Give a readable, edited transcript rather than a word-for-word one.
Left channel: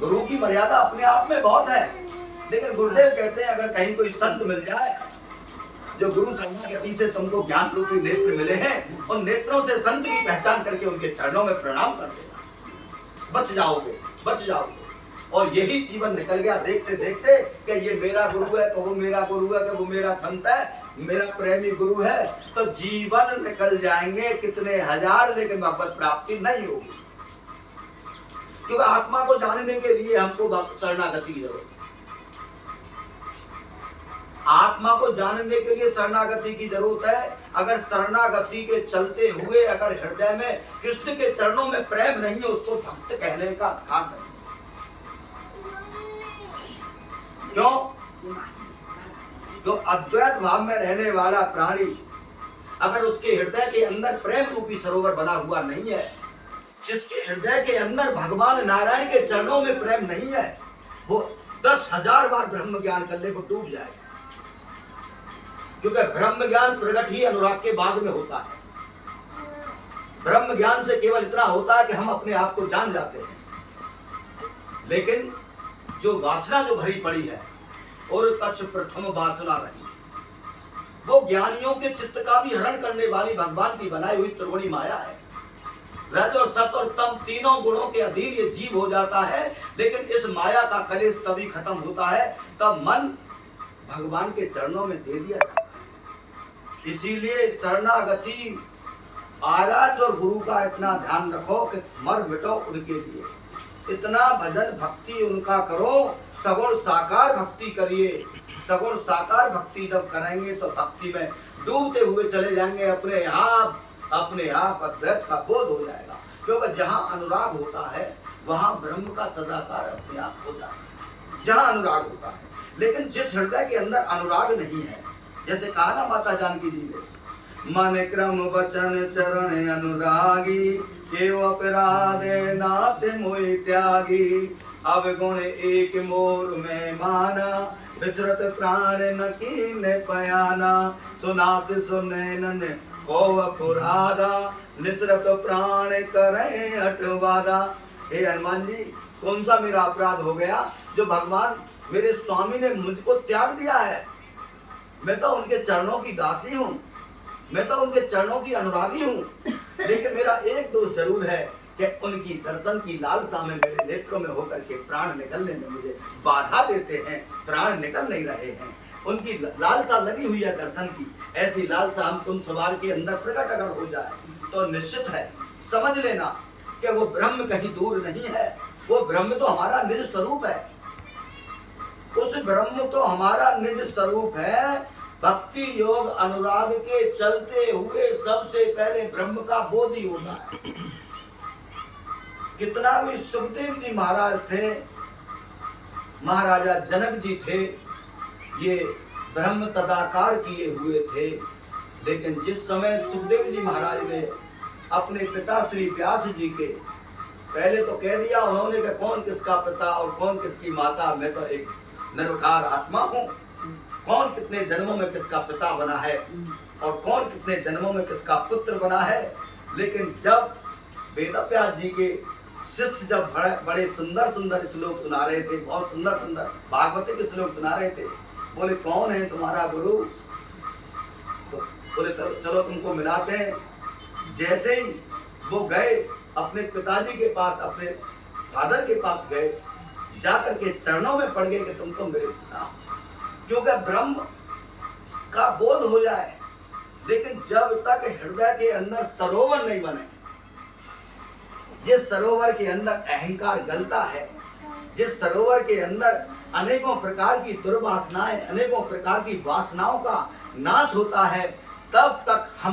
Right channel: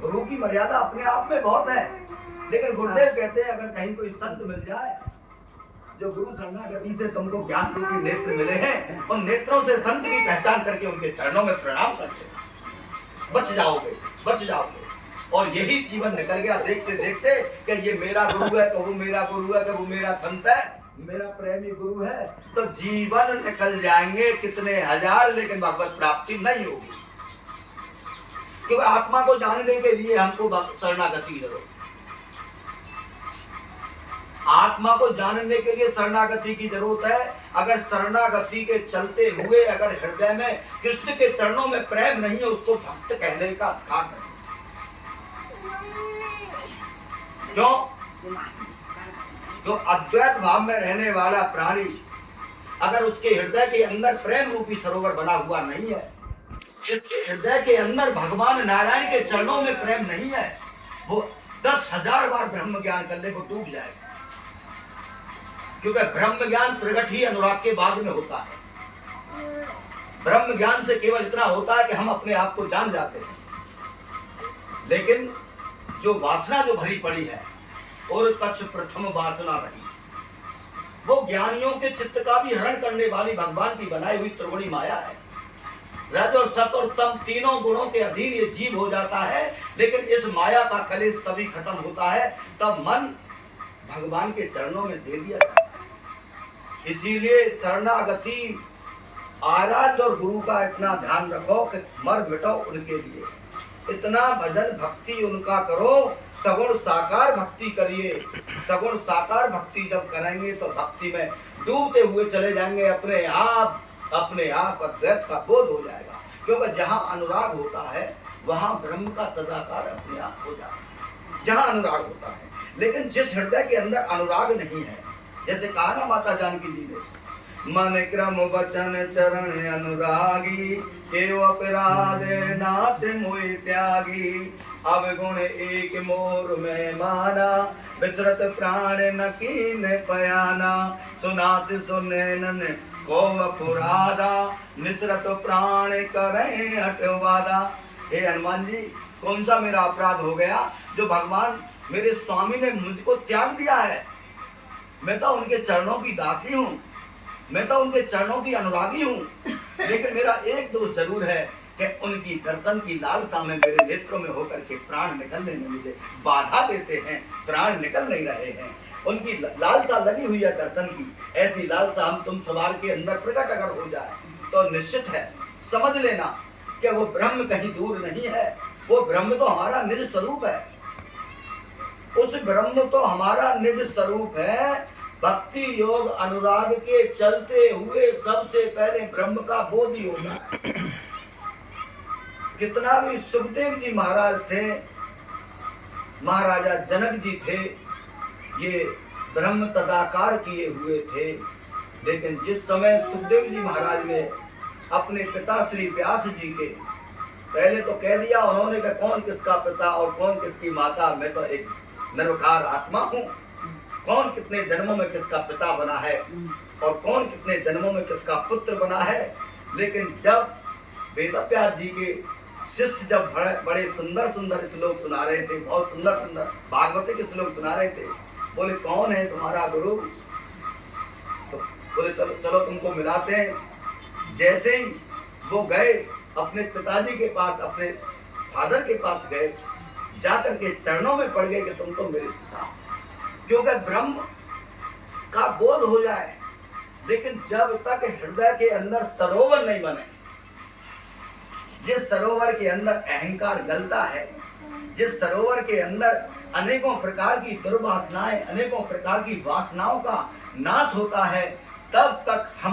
गुरु की मर्यादा अपने आप में बहुत है, लेकिन गुरुदेव कहते हैं अगर कहीं कोई संत मिल जाए जो गुरु शरणागति से तुमको ज्ञान रूपी नेत्र मिले हैं, उन नेत्रों से संत की पहचान करके उनके चरणों में प्रणाम कर देना, बच जाओगे, बच जाओगे। और यही जीवन निकल गया देखते देखते कि ये मेरा गुरु है, तो वो मेरा गुरु है, कि वो मेरा संत है, मेरा प्रेमी गुरु है, तो जीवन निकल जाएंगे कितने हजार, लेकिन भगवत प्राप्ति नहीं होगी। क्योंकि आत्मा को जानने के लिए हमको शरणागति की जरूरत है। आत्मा को जानने के लिए शरणागति की जरूरत है। अगर शरणागति के चलते हुए अगर हृदय में कृष्ण के चरणों में प्रेम नहीं है, उसको भक्त कहने का अधिकार नहीं। क्यों? जो अद्वैत भाव में रहने वाला प्राणी अगर उसके हृदय के अंदर प्रेम रूपी सरोवर बना हुआ नहीं है, जिसके हृदय के अंदर भगवान नारायण के चरणों में प्रेम नहीं है, वो 10,000 बार ब्रह्म ज्ञान कर ले वो डूब जाएगा। क्योंकि ब्रह्म ज्ञान प्रगट ही अनुराग के बाद में होता है। ब्रह्म ज्ञान से केवल इतना होता है कि हम अपने आप को जान जाते हैं, लेकिन जो वासना जो भरी पड़ी है और कच्छ प्रथम वासना रही, वो ज्ञानियों के चित्त का भी हरण करने वाली भगवान की बनाई हुई त्रिगुणी माया है। रज और सत और तम तीनों गुणों के अधीन ये जीव हो जाता है, लेकिन इस माया का कलेश तभी खत्म होता है तब मन भगवान के चरणों में दे दिया जाता है। इसीलिए शरणागति आराध्य और गुरु का इतना ध्यान रखो कि मर मिटो उनके लिए, इतना भजन भक्ति उनका करो, सगुण साकार भक्ति करिए। सगुण साकार भक्ति जब करेंगे तो भक्ति में डूबते हुए चले जाएंगे, अपने आप अद्वैत का बोध हो जाएगा। क्योंकि जहाँ अनुराग होता है वहाँ ब्रह्म का तदाकार अपने आप हो जाता है, जहाँ अनुराग होता है। लेकिन जिस हृदय के अंदर अनुराग नहीं है, जैसे कहा ना माता जानकी जी ने, मन क्रम वचन चरण अनुरागी, केव अपराधे नाते मोहि त्यागी, अवगुण एक मोर में माना, विचरत प्राण न कीन्ह पयाना, सुनात सुनैनन को अपराधा, निसरत प्राण करें हटवादा। हे हनुमान जी, कौन सा मेरा अपराध हो गया जो भगवान मेरे स्वामी ने मुझको त्याग दिया है? मैं तो उनके चरणों की दासी हूँ, मैं तो उनके चरणों की अनुरागी हूँ, लेकिन मेरा एक दोष जरूर है कि उनकी दर्शन की लालसा में मेरे नेत्रों में होकर के प्राण निकलने में मुझे बाधा देते हैं, प्राण निकल नहीं रहे हैं। उनकी लालसा लगी हुई है दर्शन की, ऐसी लालसा हम तुम सवार के अंदर प्रकट अगर हो जाए तो निश्चित है समझ लेना कि वो ब्रह्म कहीं दूर नहीं है, वो ब्रह्म तो हमारा निज स्वरूप है, उस ब्रह्म तो हमारा निज स्वरूप है। भक्ति योग अनुराग के चलते हुए सबसे पहले ब्रह्म का बोध ही होता है। कितना भी सुखदेव जी महाराज थे, महाराजा जनक जी थे, ये ब्रह्म तदाकार किए हुए थे, लेकिन जिस समय सुखदेव जी महाराज ने अपने पिता श्री व्यास जी के पहले तो कह दिया उन्होंने कि कौन किसका पिता और कौन किसकी माता, मैं तो एक निर्विकार आत्मा हूँ, कौन कितने जन्मों में किसका पिता बना है और कौन कितने जन्मों में किसका पुत्र बना है। लेकिन जब वेदव्यास जी के शिष्य जब बड़े सुंदर सुंदर श्लोक सुना रहे थे, बहुत सुंदर सुंदर भागवती के श्लोक सुना रहे थे, बोले कौन है तुम्हारा गुरु? तो बोले चलो तुमको मिलाते हैं। जैसे ही वो गए अपने पिताजी के पास, अपने फादर के पास गए, जाकर के चरणों में पड़ गए कि तुम तो मेरे पिता। क्योंकि ब्रह्म का बोध हो जाए, लेकिन जब तक हृदय के अंदर सरोवर नहीं बने, जिस सरोवर के अंदर अहंकार गलता है, जिस सरोवर के अंदर अनेकों प्रकार की दुर्वासनाएं, अनेकों प्रकार की वासनाओं का नाश होता है, तब तक हम